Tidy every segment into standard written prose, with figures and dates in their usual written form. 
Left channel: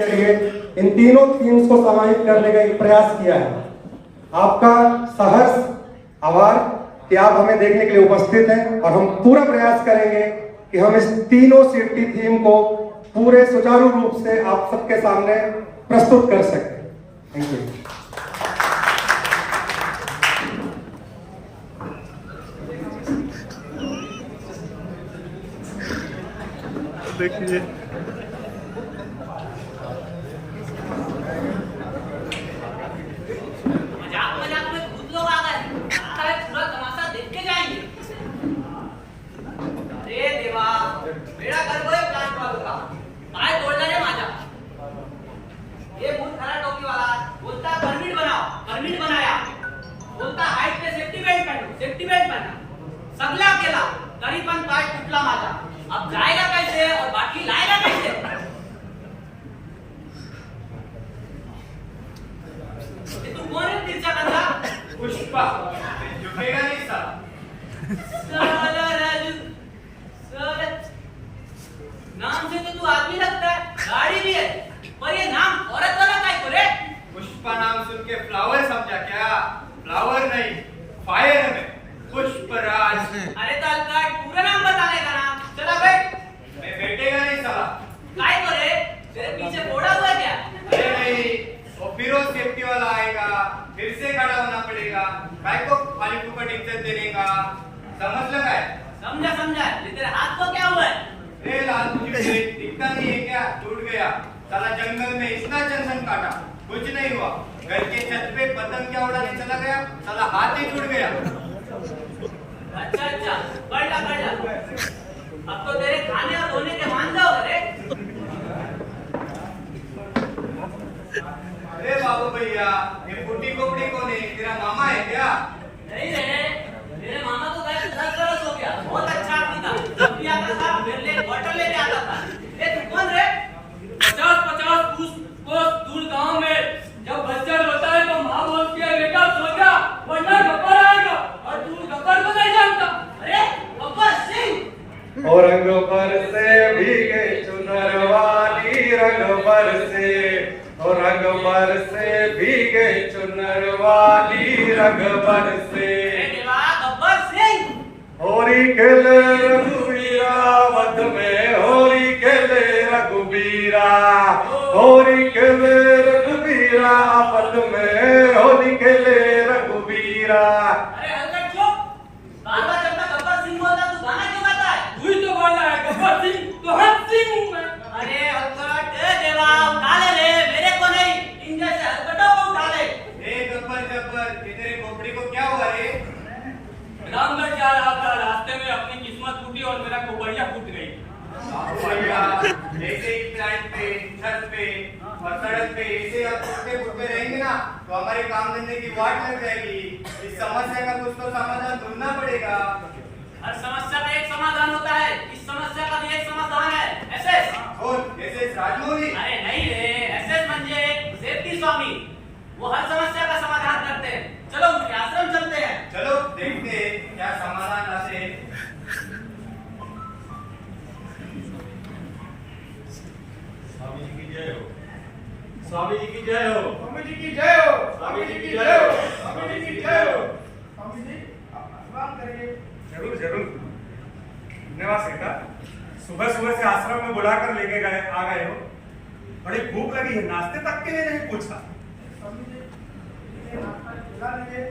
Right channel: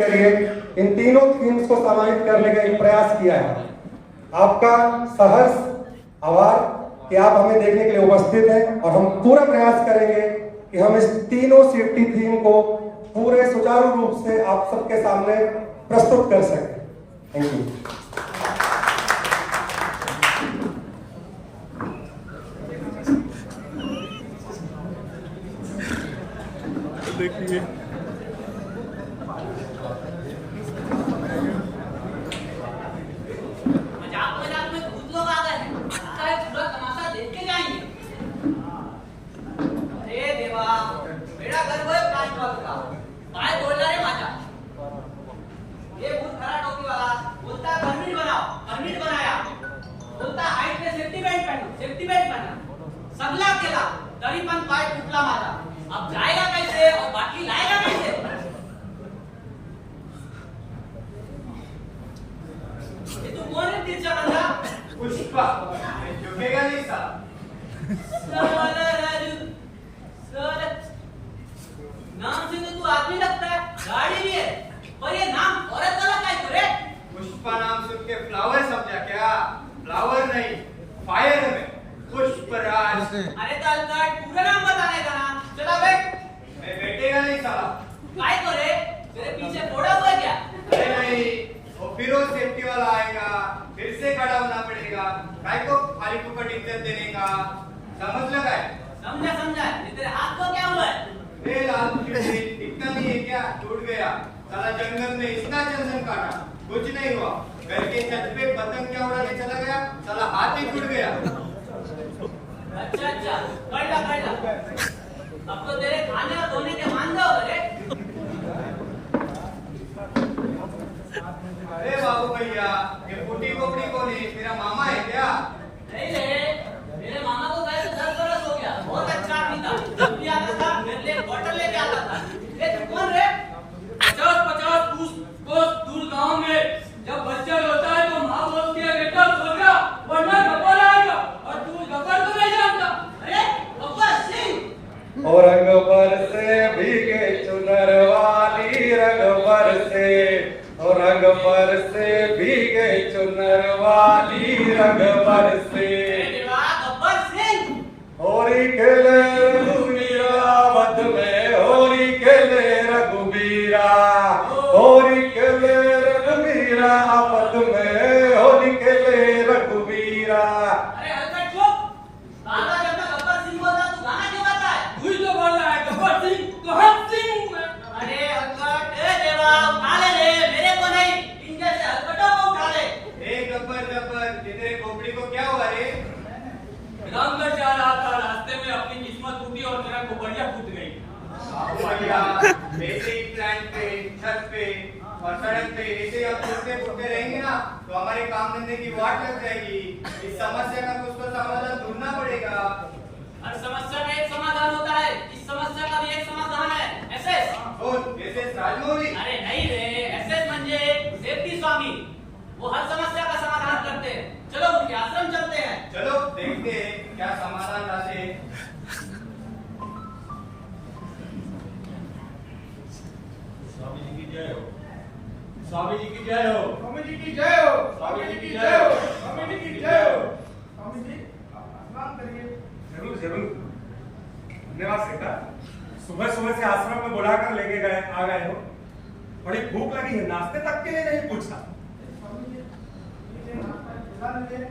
के लिए इन तीनों थीम्स को समाहित करने का एक प्रयास किया है। आपका सहर्ष आभार कि आप हमें देखने के लिए उपस्थित हैं और हम पूरा प्रयास करेंगे कि हम इस तीनों सिटी थीम को पूरे सुचारू रूप से आप सबके सामने प्रस्तुत कर सकें। Thank you. देखिए मजाक में खुद लोग आ गए, लगता है पूरा तमाशा देख के जाएंगे। अरे देवा, मेरा घर वही प्लांट वालों का पाय तोड़ रे माझा। ये बहुत खरा टोपी वाला बोलता परमिट बनाओ, परमिट बनाया, बोलता हाइट पे सेफ्टी बेल्ट पहनो, सेफ्टी बेल्ट पहना, सगला केला तरी पण पाय टूटला माझा। अब जाएगा कैसे और बाकी लाएगा कैसे? ये तू कौन है तिरछा बंदा? पुष्पा, झुकेगा नहीं साला। साला राजू, साला नाम से तो तू आदमी लगता है, गाड़ी भी है, पर ये नाम औरत वाला काय को रे? पुष्पा नाम सुन के फ्लावर समझा क्या? फ्लावर नहीं, फायर है मैं, पुष्पराज। अरे तालकाट पूरा नाम बताने का नाम, चला बैठ। मैं बैठेगा नहीं साला। काय को रे? तेरे पीछे फोड़ा हुआ है क्या? अरे नहीं, वो फिर वो सेफ्टी वाला आएगा, फिर से खड़ा होना पड़ेगा, काय को खाली फुकट इज्जत देने का, समझ लगा है? समझा समझा, ये तेरे हाथ को क्या हुआ है? रे लाल तुझे दिखता नहीं है क्या? टूट गया साला, जंगल में इतना चंदन काटा, कुछ नहीं हुआ। घर के छत पे पतंग क्या उड़ाने चला गया, साला हाथ ही टूट गया। अच्छा अच्छा, कर ला। अब तो तेरे खाने और धोने के मान जाओ रे। अरे बाबू भैया, ये फूटी कोपड़ी कौन है? तेरा मामा है क्या? नहीं रे, मेरे मामा को गए तो 10 बरस हो गया, बहुत अच्छा आदमी था। जब भी आता था मेरे लिए बॉटल लेके आता था। ए तू कौन रे? 50-50 कोस दूर गांव में जब बच्चा रोता है तो माँ बोलती है बेटा सो जा वरना गब्बर आएगा, और तू गब्बर को नहीं जानता। अरे गब्बर सिंह। और रंग पर से भीगे चुनर वाली, रंग पर से, और रंग पर से भीगे चुनर वाली, रंग पर से। देवा गब्बर सिंह। होरी खेले रघुबीरा वध में, होरी खेले रघुबीरा, होरी खेले रघुबीरा वध में, होरी खेले रघुबीरा। अरे हलकट चुप, बार-बार जब मैं गब्बर सिंह बोलता तू गाना क्यों गाता है? तू ही तो बोल रहा है गब्बर सिंह, तो हम सिंह हूं मैं। अरे हलकट, ए देवा उठा ले रे, मेरे को नहीं, इन जैसे हलकटों को उठा ले। ए गब्बर, ये तेरे खोपड़ी को क्या हुआ रे? रामगढ़ जा रहा था, रास्ते में अपनी किस्मत टूटी और मेरा कोबड़िया फूट गई। बाबू भैया, ऐसे ही प्लांट पे, छत पे और सड़क पे ऐसे अब टूटते फूटते रहेंगे ना तो हमारे काम धंधे की वाट लग जाएगी। इस समस्या का कुछ तो समाधान ढूंढना पड़ेगा। हर समस्या का एक समाधान होता है, इस समस्या का भी एक समाधान है, एसएस। कौन? एसएस राजमौली? अरे नहीं रे, एसएस म्हणजे सेफ्टी स्वामी, वो हर समस्या का समाधान करते हैं। चलो उनके आश्रम चलते हैं। चलो देखते हैं क्या समाधान लाते हैं। स्वामी जी की जय हो, स्वामी जी की जय हो, स्वामी जी की जय हो, स्वामी जी की जय हो, स्वामी जी की जय हो। स्वामी जी आप आशीर्वाद करिए। जरूर जरूर, धन्यवाद बेटा। सुबह सुबह से आश्रम में बुलाकर लेके गए, आ गए हो। बड़ी भूख लगी है, नाश्ते तक के लिए नहीं पूछा। स्वामी जी ये नाश्ता खिला लीजिए।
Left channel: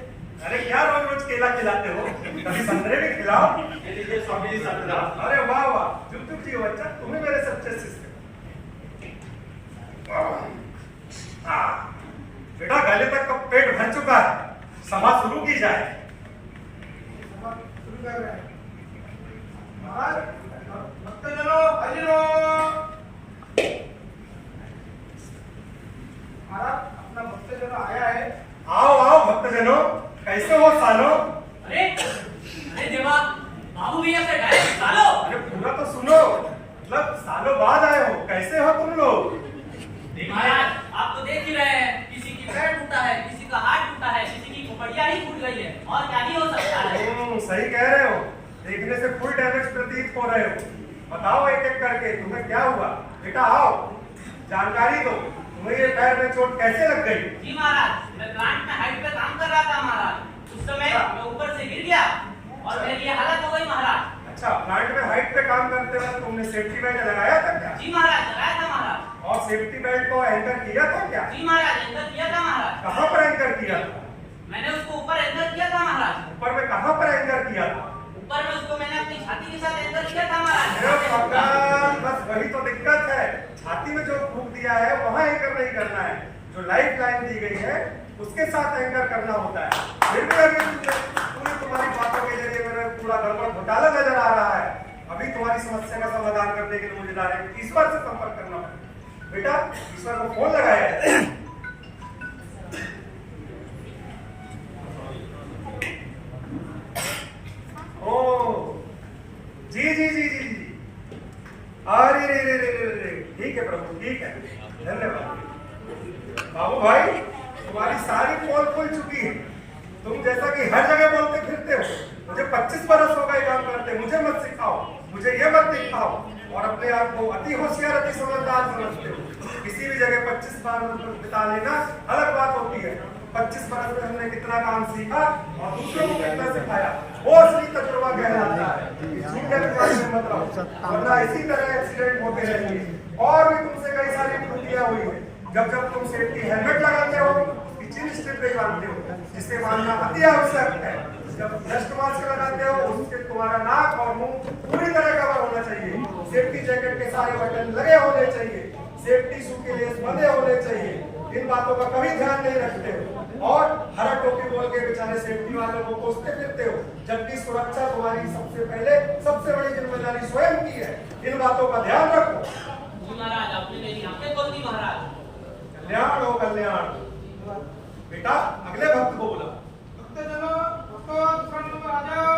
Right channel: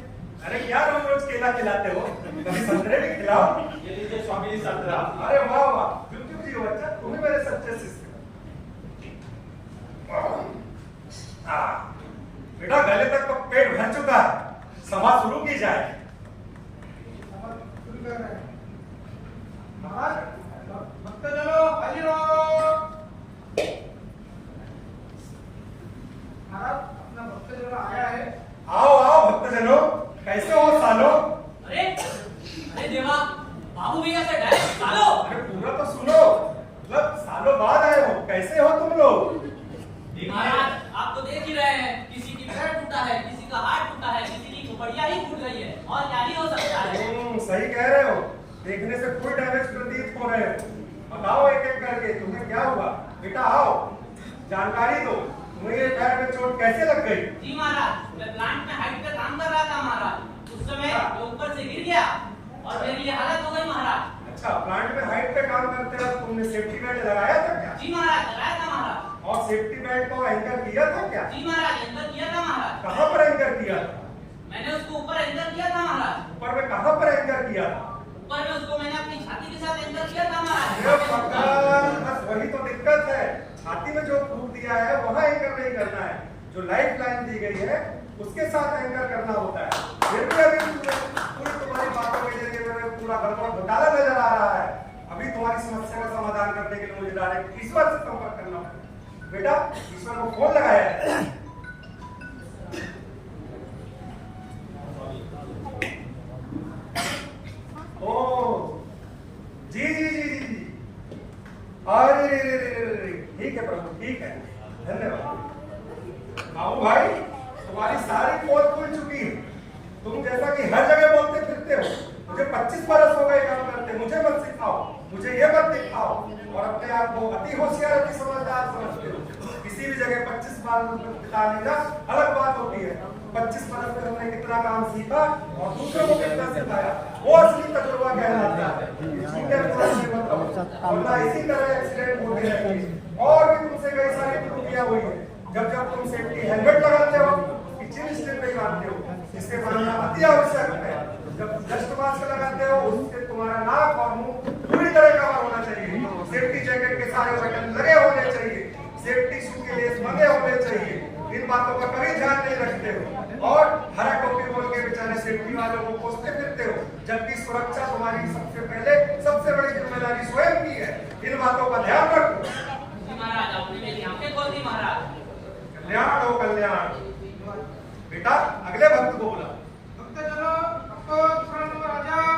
अरे क्या रोज रोज केला खिलाते हो, कभी संतरे भी खिलाओ। ये लीजिए स्वामी जी संतरा। अरे वाह वाह, जुग जुग जियो बच्चा, तुम्हें मेरे सच्चे शिष्य। बेटा गले तक का पेट भर चुका है, सभा शुरू की जाए। सभा शुरू कर रहे हैं। महाराज भक्तजनों हाजिर हो। महाराज अपना भक्तजन आया है। आओ आओ भक्तजनों, कैसे हो सालो? अरे अरे देवा, बाबू भैया से डायरेक्ट सालो। अरे पूरा तो सुनो, मतलब सालों बाद आए हो, कैसे हो तुम लोग? महाराज आप तो देख ही रहे हैं, किसी की पैर टूटा है, किसी का हाथ टूटा है, किसी की खोपड़िया ही फूट गई है, और क्या ही हो सकता है। सही कह रहे हो, देखने से फुल डैमेज प्रतीत हो रहे हो। बताओ एक एक करके तुम्हें क्या हुआ? बेटा आओ। जानकारी दो, मुझे पैर में चोट कैसे लग गई? जी महाराज, मैं प्लांट में हाइट पे काम कर रहा था महाराज। उस समय मैं ऊपर से गिर गया और मेरी ये हालत हो गई महाराज। अच्छा, प्लांट में हाइट पे काम करते वक्त तुमने सेफ्टी बेल्ट लगाया था क्या? जी महाराज, लगाया था महाराज। और सेफ्टी बेल्ट को एंकर किया था क्या? जी महाराज, एंकर किया था महाराज। कहाँ पर एंकर किया था? मैंने उसको ऊपर एंकर किया था महाराज। ऊपर में कहाँ पर एंकर किया था? ऊपर में उसको मैंने अपनी छाती के साथ एंकर किया था अरे महाराज। भगवान, बस वही तो दिक्कत है। छाती में जो फूंक दिया है वहाँ एंकर नहीं करना है, जो लाइफ लाइन दी गई है उसके साथ एंकर करना होता है। फिर भी अभी पूरी तुम्हारी बातों के जरिए मेरा पूरा गड़बड़ घोटाला नजर आ रहा है। अभी तुम्हारी समस्या का समाधान करने के लिए मुझे डायरेक्ट ईश्वर से संपर्क करना पड़ेगा। बेटा, ईश्वर को फोन लगाया है। ओ जी जी जी जी जी, अरे रे रे रे रे रे, ठीक है प्रभु, ठीक है, धन्यवाद। बाबू भाई, तुम्हारी सारी पोल खुल चुकी है। तुम जैसा कि हर जगह बोलते फिरते हो, मुझे 25 बरस हो गए काम करते, मुझे मत सिखाओ, मुझे ये मत दिखाओ और अपने आप को अति होशियार, अति समझदार समझते हो। किसी भी जगह 25 बार बिता लेना अलग बात होती है। 25 बरस में हमने कितना काम सीखा और दूसरों को कितना सिखाया, वो असली तजुर्बा कहलाता है। झूठे विश्वास में मत रहो, वरना इसी तरह एक्सीडेंट होते रहेंगे। और भी तुमसे कई सारी त्रुटियां हुई है। जब जब तुम सेफ्टी हेलमेट लगाते हो, चिन स्ट्रिप नहीं बांधते हो, जिससे बांधना अति आवश्यक है। जब डस्ट मास्क लगाते हो, उससे तुम्हारा नाक और मुंह पूरी तरह कवर होना चाहिए। सेफ्टी जैकेट के सारे बटन लगे होने चाहिए, सेफ्टी शू के लेस बंधे होने चाहिए। इन बातों का कभी ध्यान नहीं रखते हो और हरा टोपी बोल के बेचारे सेफ्टी वालों को कोसते फिरते हो, जबकि सुरक्षा तुम्हारी सबसे पहले सबसे बड़ी जिम्मेदारी स्वयं की है। इन बातों का ध्यान रखो। जी महाराज, आपने मेरी आंखें खोल दी महाराज। कल्याण हो कल्याण। बेटा, अगले भक्त को बुला। भक्त चलो, भक्तों फ्रंट में आ जाओ।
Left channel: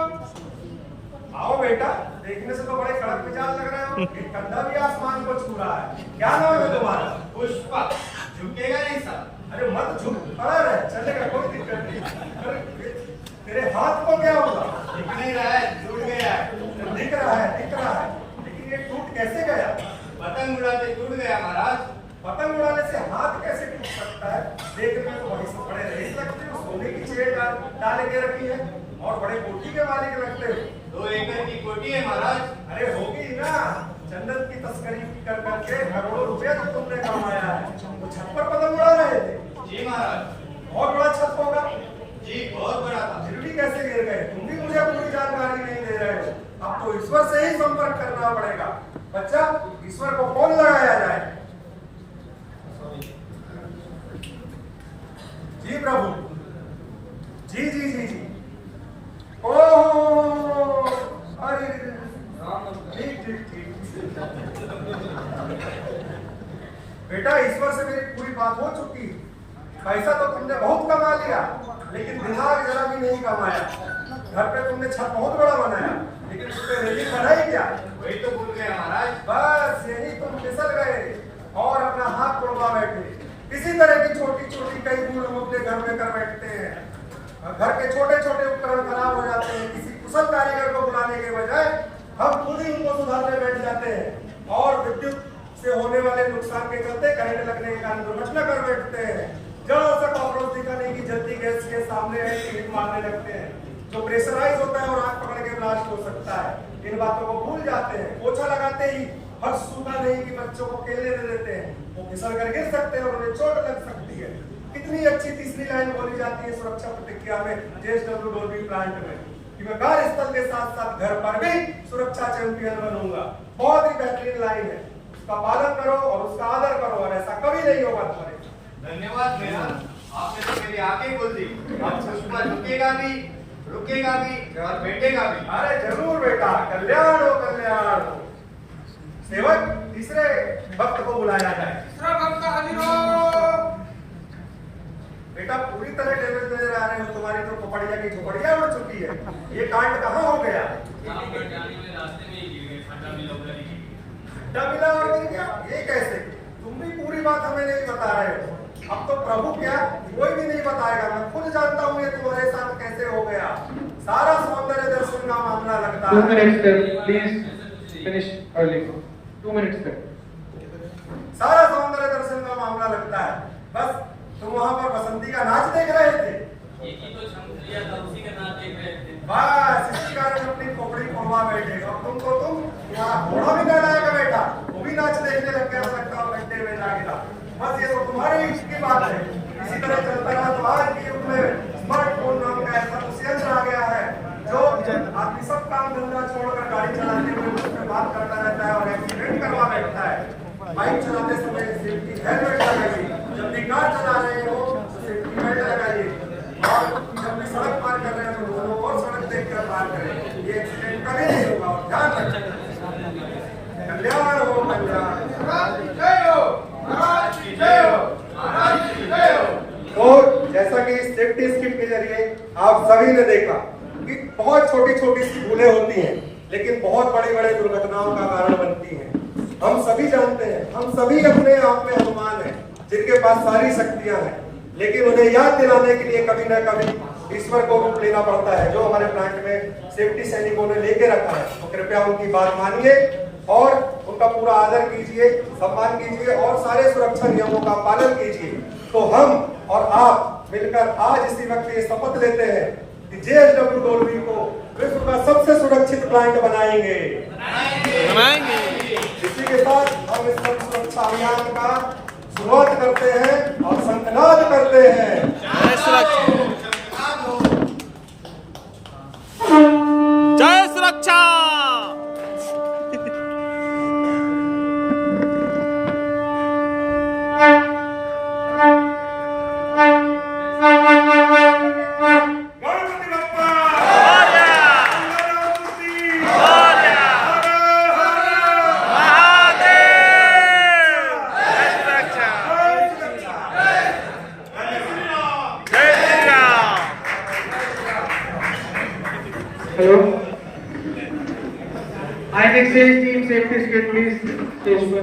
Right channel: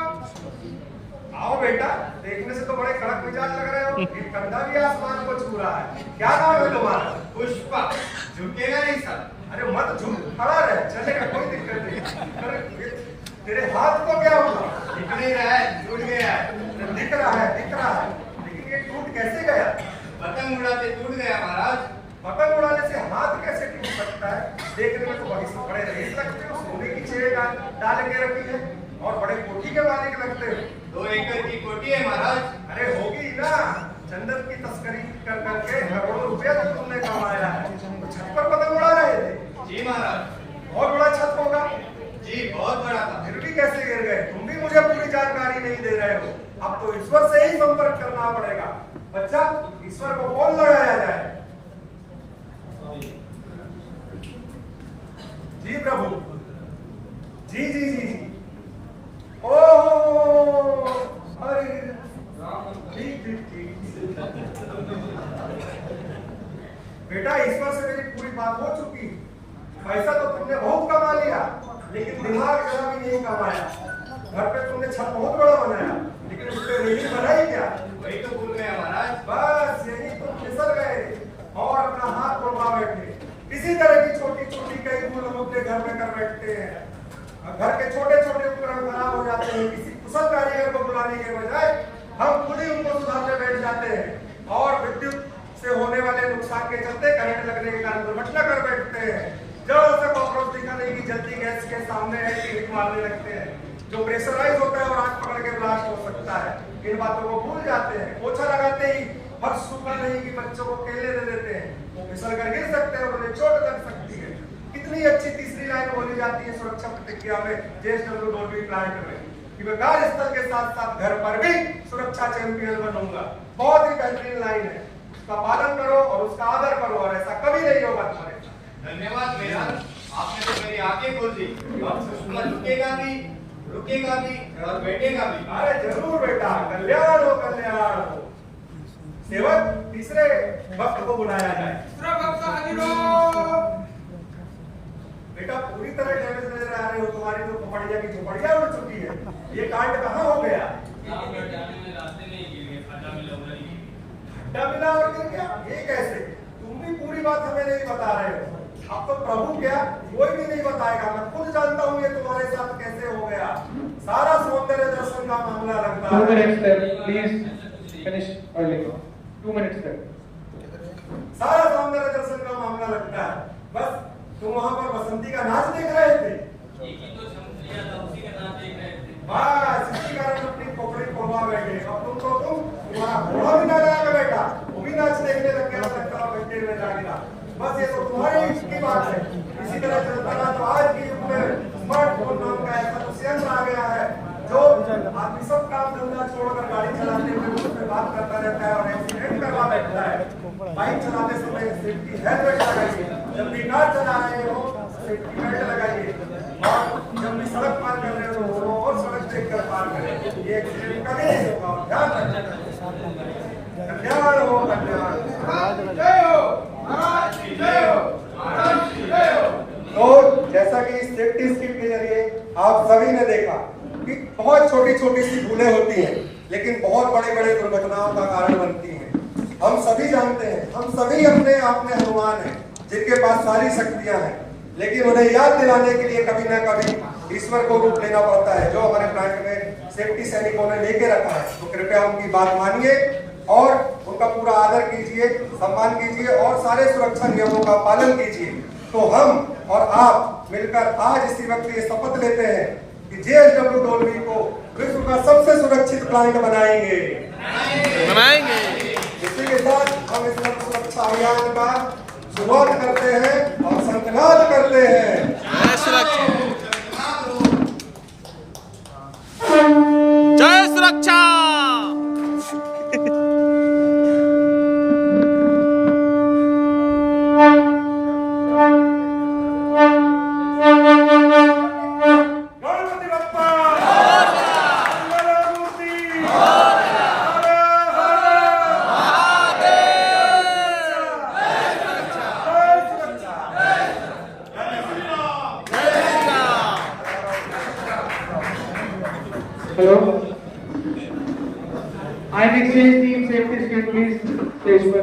आओ बेटा, देखने से तो बड़े कड़क मिजाज लग रहे हो। ये कंधा भी आसमान को छू रहा है। क्या नाम है तुम्हारा? पुष्पा, झुकेगा नहीं सर। अरे मत झुक, खड़ा रहे, चलेगा, कोई दिक्कत नहीं। अरे तेरे हाथ को क्या हुआ? दिख नहीं रहा है, टूट गया है। दिख रहा है, दिख रहा है, लेकिन ये टूट कैसे गया? पतंग उड़ाते टूट गया महाराज। पतंग उड़ाने से हाथ कैसे टूट सकता है? देखने में तो बड़ी से बड़े रईस लगते हो, सोने की चेयर डाल के रखी है और बड़े कोठी के मालिक लगते हो। 2 एकड़ की कोठी है महाराज। अरे होगी ना, जन्नत की तस्करी कर करके करोड़ों रुपया जो तुमने कमाया है, तो छत पर पतंग उड़ा रहे थे। जी महाराज। बहुत बड़ा छत होगा। जी बहुत बड़ा था। फिर भी कैसे गिर गए? तुम भी मुझे पूरी जानकारी नहीं दे रहे हो। अब तो ईश्वर से ही संपर्क करना पड़ेगा। बच्चा, ईश्वर को फोन लगाया जाए। जी प्रभु, जी जी जी जी। ओह, अरे ठीक ठीक ठीक। बेटा, ईश्वर से मेरी पूरी बात हो चुकी। पैसा तो तुमने बहुत कमा लिया, लेकिन दिमाग जरा भी नहीं कमाया। घर पे तुमने छत बहुत बड़ा बनाया, लेकिन उस पर रेलिंग बनाई क्या? वही तो भूल गया महाराज। बस यही तुम फिसल गए और अपना हाथ तोड़वा बैठे। इसी तरह की छोटी छोटी कई भूल हम अपने घर में कर बैठते हैं। घर के छोटे छोटे उपकरण खराब हो जाते हैं, किसी कुशल कारीगर को बुलाने के बजाय हम खुद ही उनको सुधारने बैठ जाते हैं और विद्युत से होने वाले नुकसान के चलते करंट लगने के कारण दुर्घटना कर बैठते हैं। जरा सा कॉकरोच दिखाने की जल्दी गैस के सामने है कि हिट मारने लगते हैं, जो प्रेशराइज होता है और आग पकड़ के ब्लास्ट हो सकता है। इन बातों को भूल जाते हैं। पोछा लगाते ही फर्श सूखा नहीं कि बच्चों को खेलने दे देते हैं, वो फिसल कर गिर सकते हैं और उन्हें चोट लग सकती है। कितनी अच्छी तीसरी लाइन बोली जाती है सुरक्षा प्रतिक्रिया में जेएसडब्ल्यू डोल्बी प्लांट में कि मैं कार्यस्थल के साथ साथ घर पर भी सुरक्षा चैंपियन बनूंगा। बहुत ही बेहतरीन लाइन है, उसका पालन करो और उसका आदर करो और ऐसा कभी नहीं होगा तुम्हारे साथ। धन्यवाद भैया, आपने तो मेरी आंखें खोल दी। अब पुष्पा रुकेगा भी और बैठेगा भी। अरे जरूर बेटा, कल्याण हो कल्याण हो। सेवक, तीसरे भक्त को बुलाया जाए। तीसरा भक्त हाजिर हो। बेटा, पूरी तरह डैमेज नजर आ रहे हो। तुम्हारी तो खोपड़िया की झोपड़िया उड़ चुकी है। ये कांड कहाँ हो गया? रामगढ़ जाने में रास्ते में ही गिर गए, खड्डा मिला उधर ही। खड्डा मिला और गिर गया? ये कैसे? तुम भी पूरी बात हमें नहीं बता रहे हो। अब तो प्रभु क्या, कोई भी नहीं बताएगा। मैं खुद जानता हूँ ये तुम्हारे साथ कैसे हो गया। सारा सौंदर्य दर्शन का मामला लगता 2 है। minutes, sir. Please finish early. 2 minutes, sir. सारा सौंदर्य दर्शन का मामला लगता है। बस तुम वहां पर बसंती का नाच देख रहे थे। एक ही तो छंद लिया था, उसी का नाच देख रहे थे। बस इसी कारण अपनी खोपड़ी खोलवा बैठे। अब तुम्हारा घोड़ा भी ना लाया बेटा, वो भी नाच देखने लग गया, सकता हो घंटे में जागेगा। बस ये तो तुम्हारे युग की बात है। इसी तरह चलता रहा तो आज के युग में स्मार्टफोन नाम का ऐसा कुछ यंत्र आ गया है जो आदमी सब काम धंधा छोड़कर गाड़ी चलाते हुए उसमें बात करता रहता है और एक्सीडेंट करवा बैठता है। बाइक चलाते समय सेफ्टी हेलमेट लगाइए, जब भी कार चला रहे हो तो सेफ्टी बेल्ट लगाइए, और जब भी सड़क पार कर रहे हो तो दोनों और सड़क देखकर पार करें। ये एक्सीडेंट कभी नहीं होगा और ध्यान रखें। कल्याण हो कल्याण। जय हो महाराज की जय हो, महाराज की जय हो। तो जैसा कि इस सेफ्टी स्किट के जरिए आप सभी ने देखा कि बहुत छोटी छोटी सी भूलें होती हैं लेकिन बहुत बड़े बड़े दुर्घटनाओं का कारण बनती हैं। हम सभी जानते हैं, हम सभी अपने आप में हनुमान हैं जिनके पास सारी शक्तियां हैं, लेकिन उन्हें याद दिलाने के लिए कभी ना कभी ईश्वर को रूप लेना पड़ता है, जो हमारे प्लांट में सेफ्टी सैनिकों ने लेके रखा है। तो कृपया उनकी बात मानिए और उनका पूरा आदर कीजिए, सम्मान कीजिए और सारे सुरक्षा नियमों का पालन कीजिए। तो हम और आप मिलकर आज इसी वक्त ये शपथ लेते हैं कि JSW डोलवी को विश्व का सबसे सुरक्षित प्लांट बनाएंगे। इसी के साथ हम इस सुरक्षा अभियान का शुरुआत करते हैं और शंखनाद करते हैं। जय सुरक्षा। Ganpati Bappa INXS team safety skate please stage पर